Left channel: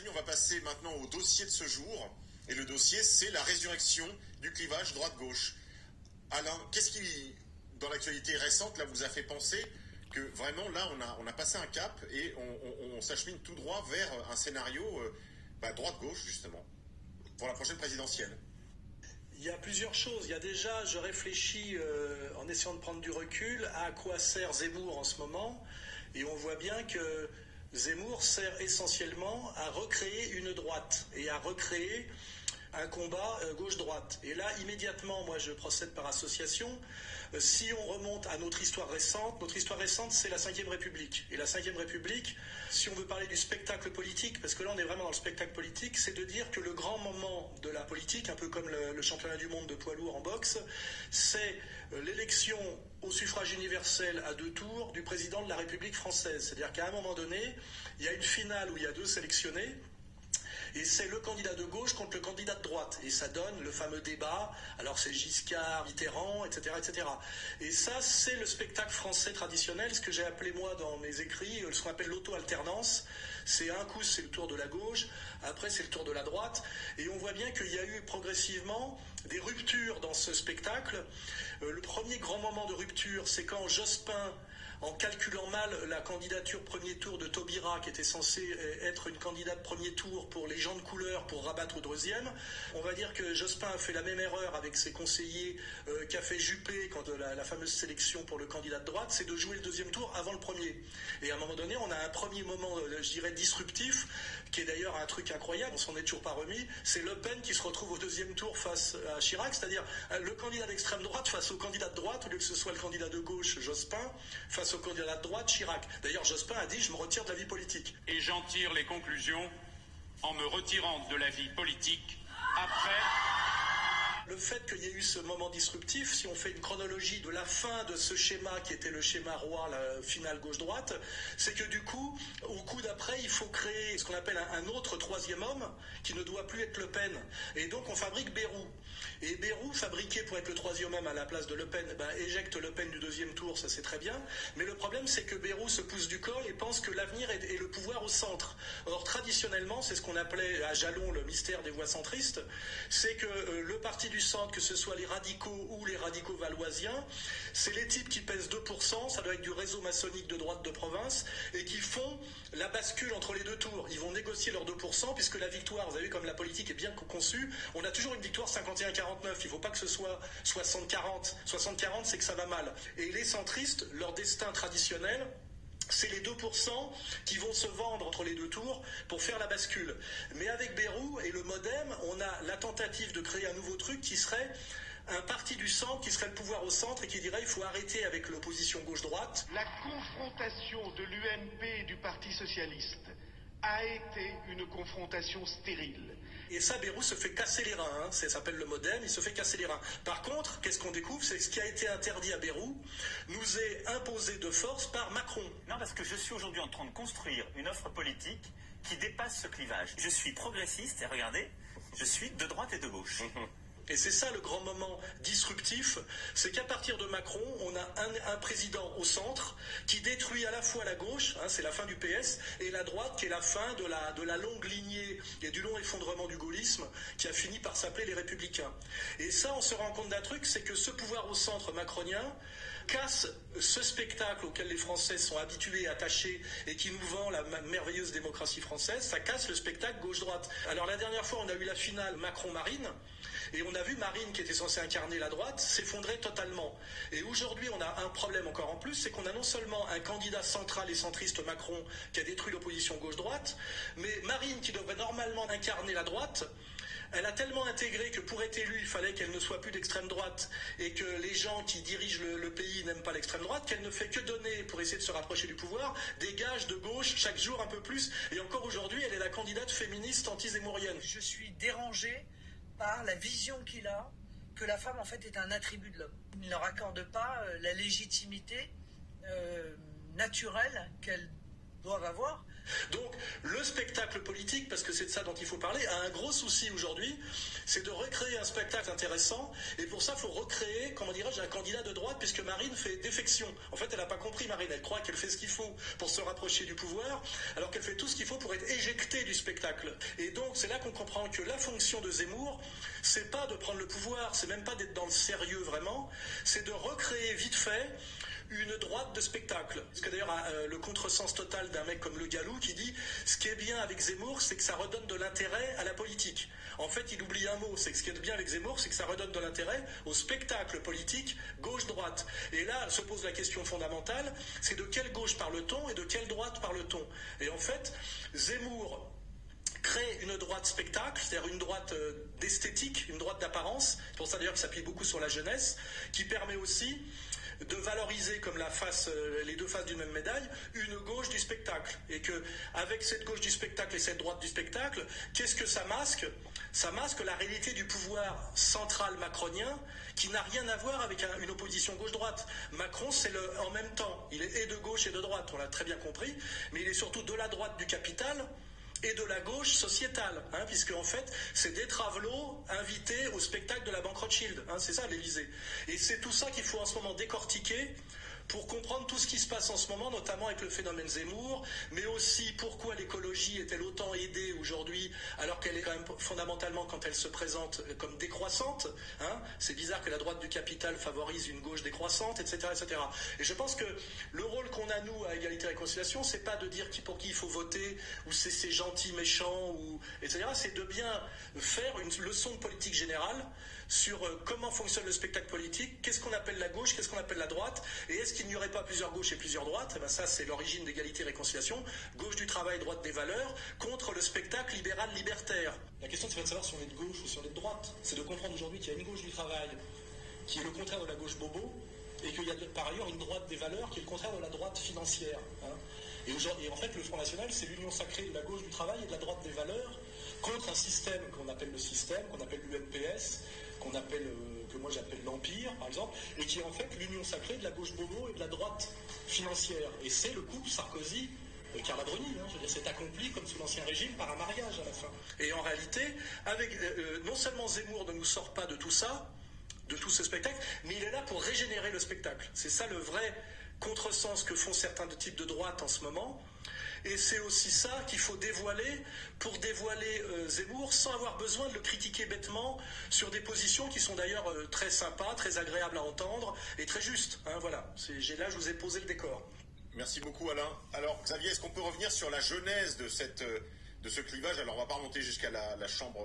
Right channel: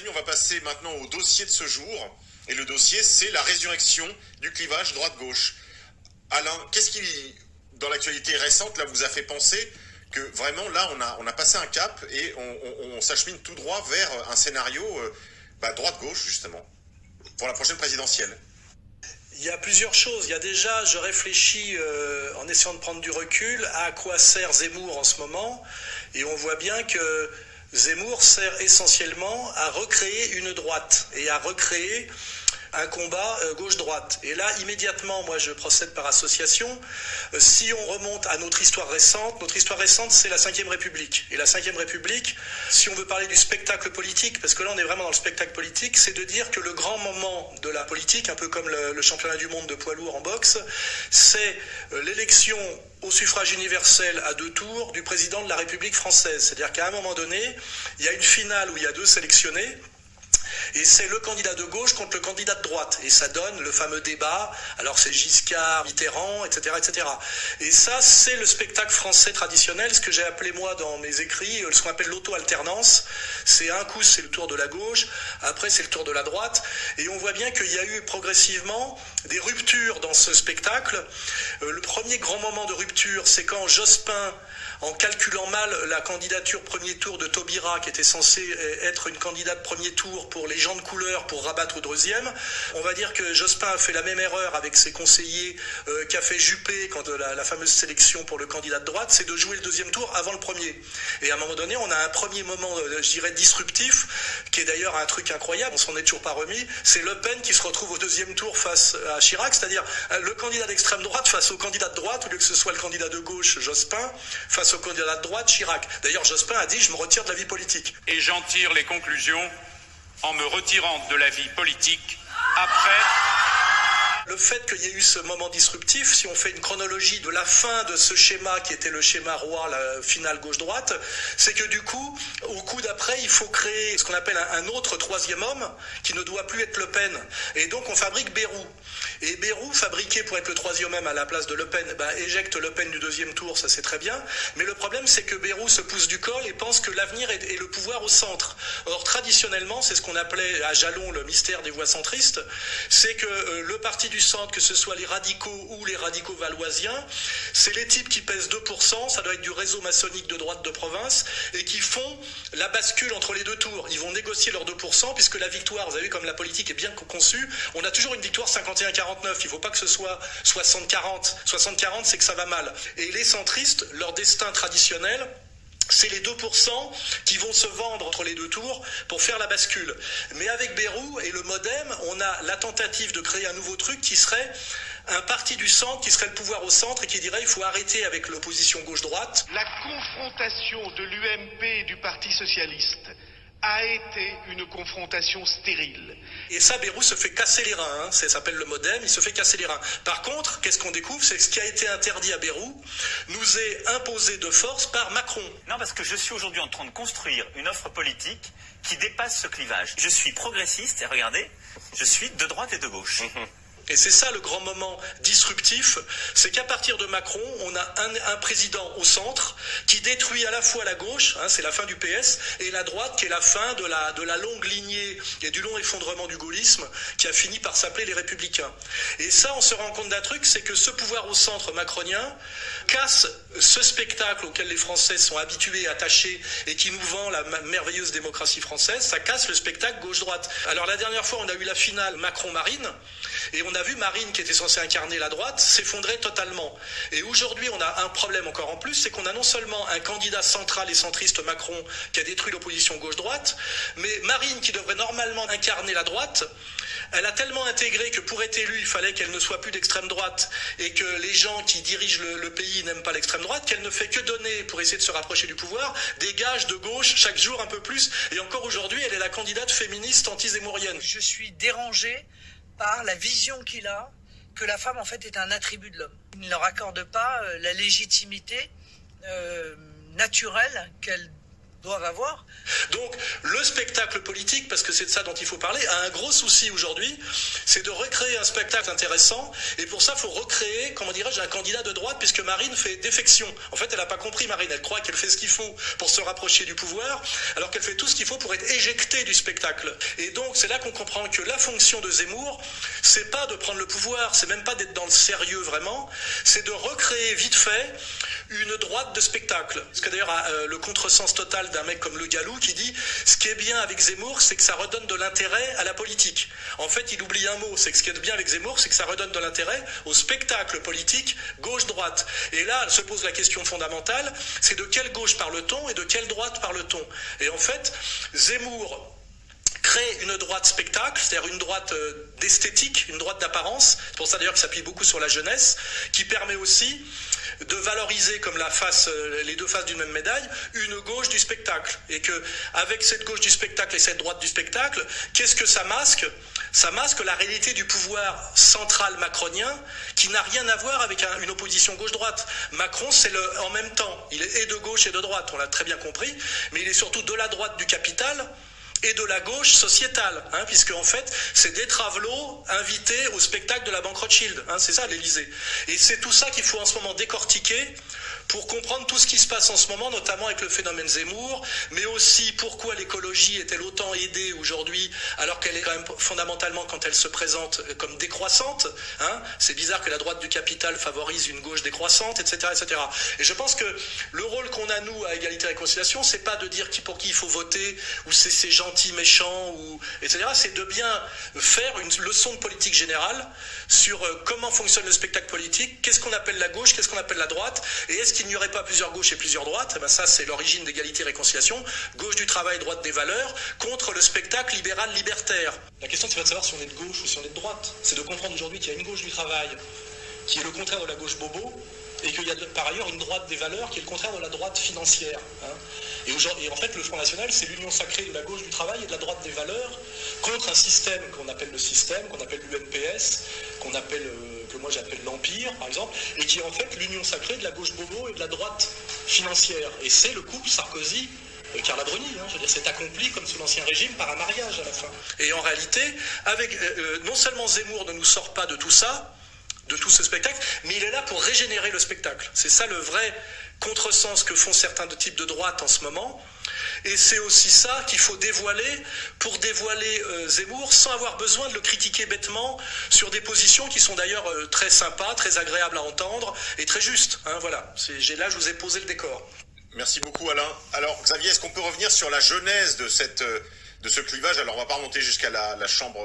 Amis, on va passer maintenant au dossier de ce jour. Et le dossier, c'est la résurrection du clivage droite-gauche. Alain, qu'est-ce qui, dans l'actualité récente, là, vous a fait penser que vraiment, là, on a passé un cap et on s'achemine tout droit vers un scénario droite-gauche, justement, pour la prochaine présidentielle? Il y a plusieurs choses. Il y a déjà, je réfléchis en essayant de prendre du recul, à quoi sert Zemmour en ce moment. Et on voit bien que Zemmour sert essentiellement à recréer une droite et à recréer un combat gauche-droite. Et là, immédiatement, moi, je procède par association. Si on remonte à notre histoire récente, c'est la Ve République. Et la Ve République, si on veut parler du spectacle politique, parce que là, on est vraiment dans le spectacle politique, c'est de dire que le grand moment de la politique, un peu comme le championnat du monde de poids lourd en boxe, c'est l'élection au suffrage universel à 2 tours du président de la République française. C'est-à-dire qu'à un moment donné, il y a une finale où il y a 2 sélectionnés, et c'est le candidat de gauche contre le candidat de droite. Et ça donne le fameux débat, alors c'est Giscard, Mitterrand, etc., etc. Et ça, c'est le spectacle français traditionnel, ce que j'ai appelé moi dans mes écrits, ce qu'on appelle l'auto-alternance. C'est un coup, c'est le tour de la gauche, après c'est le tour de la droite. Et on voit bien qu'il y a eu progressivement des ruptures dans ce spectacle. Le premier grand moment de rupture, c'est quand Jospin, en calculant mal la candidature premier tour de Taubira, qui était censée être une candidate premier tour pour les gens de couleur pour rabattre au deuxième, on va dire que Jospin a fait la même erreur avec ses conseillers qu'a fait Juppé quand la fameuse sélection pour le candidat de droite, c'est de jouer le deuxième tour avant le premier. Et à un moment donné, on a un premier moment, je dirais, disruptif, qui est d'ailleurs un truc incroyable, on s'en est toujours pas remis, c'est Le Pen qui se retrouve au deuxième tour face à Chirac, c'est-à-dire le candidat d'extrême droite face au candidat de droite, au lieu que ce soit le candidat de gauche, Jospin, face au candidat de droite, Chirac. D'ailleurs, Jospin a dit « je me retire de la vie politique ». Et j'en tire les conclusions en me retirant de la vie politique après... Le fait qu'il y ait eu ce moment disruptif, si on fait une chronologie de la fin de ce schéma qui était le schéma roi, la finale gauche-droite, c'est que du coup, au coup d'après, il faut créer ce qu'on appelle un autre troisième homme qui ne doit plus être Le Pen. Et donc on fabrique Bayrou. Et Bayrou, fabriqué pour être le troisième homme à la place de Le Pen, éjecte Le Pen du deuxième tour, ça c'est très bien. Mais le problème, c'est que Bayrou se pousse du col et pense que l'avenir est le pouvoir au centre. Or, traditionnellement, c'est ce qu'on appelait à Jalon le mystère des voix centristes, c'est que le parti du centre, que ce soit les radicaux ou les radicaux valoisiens, c'est les types qui pèsent 2%, ça doit être du réseau maçonnique de droite de province, et qui font la bascule entre les 2 tours. Ils vont négocier leurs 2%, puisque la victoire, vous avez vu comme la politique est bien conçue, on a toujours une victoire 51-49, il ne faut pas que ce soit 60-40. 60-40, c'est que ça va mal. Et les centristes, leur destin traditionnel, c'est les 2% qui vont se vendre entre les 2 tours pour faire la bascule. Mais avec Bayrou et le MoDem, on a la tentative de créer un nouveau truc qui serait un parti du centre, qui serait le pouvoir au centre et qui dirait il faut arrêter avec l'opposition gauche-droite. La confrontation de l'UMP et du Parti socialiste a été une confrontation stérile. Et ça, Bayrou se fait casser les reins, ça s'appelle le MoDem, il se fait casser les reins. Par contre, qu'est-ce qu'on découvre? C'est que ce qui a été interdit à Bayrou nous est imposé de force par Macron. Non, parce que je suis aujourd'hui en train de construire une offre politique qui dépasse ce clivage. Je suis progressiste, et regardez, je suis de droite et de gauche. Et c'est ça le grand moment disruptif, c'est qu'à partir de Macron, on a un président au centre qui détruit à la fois la gauche, c'est la fin du PS, et la droite qui est la fin de la longue lignée et du long effondrement du gaullisme qui a fini par s'appeler les Républicains. Et ça, on se rend compte d'un truc, c'est que ce pouvoir au centre macronien casse ce spectacle auquel les Français sont habitués, attachés, et qui nous vend la merveilleuse démocratie française, ça casse le spectacle gauche-droite. Alors la dernière fois, on a eu la finale Macron-Marine, et on a vu Marine, qui était censée incarner la droite, s'effondrer totalement. Et aujourd'hui, on a un problème encore en plus, c'est qu'on a non seulement un candidat central et centriste Macron qui a détruit l'opposition gauche-droite, mais Marine, qui devrait normalement incarner la droite, elle a tellement intégré que pour être élue, il fallait qu'elle ne soit plus d'extrême droite et que les gens qui dirigent le pays n'aiment pas l'extrême droite, qu'elle ne fait que donner, pour essayer de se rapprocher du pouvoir, des gages de gauche chaque jour un peu plus. Et encore aujourd'hui, elle est la candidate féministe anti-zémourienne. Je suis dérangée par la vision qu'il a que la femme en fait est un attribut de l'homme. Il ne leur accorde pas la légitimité naturelle qu'elle doivent avoir. Donc le spectacle politique, parce que que c'est de ça dont il faut parler, a un gros souci aujourd'hui, c'est de recréer un spectacle intéressant, et pour ça, il faut recréer, comment dirais-je, un candidat de droite, puisque Marine fait défection. En fait, elle n'a pas compris, Marine, elle croit qu'elle fait ce qu'il faut pour se rapprocher du pouvoir, alors qu'elle fait tout ce qu'il faut pour être éjectée du spectacle. Et donc, c'est là qu'on comprend que la fonction de Zemmour, c'est pas de prendre le pouvoir, c'est même pas d'être dans le sérieux vraiment, c'est de recréer vite fait une droite de spectacle. Parce que d'ailleurs, le contresens total d'un mec comme Le Gallou qui dit « ce qui est bien avec Zemmour, c'est que ça redonne de l'intérêt à la politique ». En fait, il oublie un mot, c'est que ce qui est bien avec Zemmour, c'est que ça redonne de l'intérêt au spectacle politique gauche-droite. Et là, se pose la question fondamentale, c'est de quelle gauche parle-t-on et de quelle droite parle-t-on? Et en fait, Zemmour crée une droite spectacle, c'est-à-dire une droite d'esthétique, une droite d'apparence, c'est pour ça d'ailleurs qu'il s'appuie beaucoup sur la jeunesse, qui permet aussi de valoriser comme les deux faces d'une même médaille, une gauche du spectacle. Et que avec cette gauche du spectacle et cette droite du spectacle, qu'est-ce que ça masque? Ça masque la réalité du pouvoir central macronien qui n'a rien à voir avec une opposition gauche-droite. Macron, c'est en même temps, il est et de gauche et de droite, on l'a très bien compris, mais il est surtout de la droite du capital et de la gauche sociétale, puisque en fait, c'est des travelots invités au spectacle de la Banque Rothschild, c'est ça l'Élysée. Et c'est tout ça qu'il faut en ce moment décortiquer pour comprendre tout ce qui se passe en ce moment, notamment avec le phénomène Zemmour, mais aussi pourquoi l'écologie est-elle autant aidée aujourd'hui, alors qu'elle est quand même fondamentalement, quand elle se présente comme décroissante, c'est bizarre que la droite du capital favorise une gauche décroissante, etc., etc. Et je pense que le rôle qu'on a, nous, à Égalité et Réconciliation, c'est pas de dire pour qui il faut voter, ou c'est gentil, méchant, etc., c'est de bien faire une leçon de politique générale sur comment fonctionne le spectacle politique, qu'est-ce qu'on appelle la gauche, qu'est-ce qu'on appelle la droite, et est-ce qu'il n'y aurait pas plusieurs gauches et plusieurs droites? Ça, c'est l'origine d'Égalité et Réconciliation, gauche du travail, droite des valeurs, contre le spectacle libéral-libertaire. La question, c'est pas de savoir si on est de gauche ou si on est de droite, c'est de comprendre aujourd'hui qu'il y a une gauche du travail qui est le contraire de la gauche bobo, et qu'il y a par ailleurs une droite des valeurs qui est le contraire de la droite financière. Et en fait, le Front National, c'est l'union sacrée de la gauche du travail et de la droite des valeurs contre un système qu'on appelle le système, qu'on appelle l'UNPS, que moi j'appelle l'Empire, par exemple, et qui est en fait l'union sacrée de la gauche bobo et de la droite financière. Et c'est le couple Sarkozy-Carla Bruni, je veux dire, c'est accompli comme sous l'Ancien Régime par un mariage à la fin. Et en réalité, non seulement Zemmour ne nous sort pas de tout ça, de tout ce spectacle, mais il est là pour régénérer le spectacle. C'est ça le vrai contresens que font certains types de droite en ce moment. Et c'est aussi ça qu'il faut dévoiler pour dévoiler Zemmour sans avoir besoin de le critiquer bêtement sur des positions qui sont d'ailleurs très sympas, très agréables à entendre et très justes. Voilà, là je vous ai posé le décor. Merci beaucoup Alain. Alors Xavier, est-ce qu'on peut revenir sur la genèse de ce clivage? Alors on ne va pas remonter jusqu'à la chambre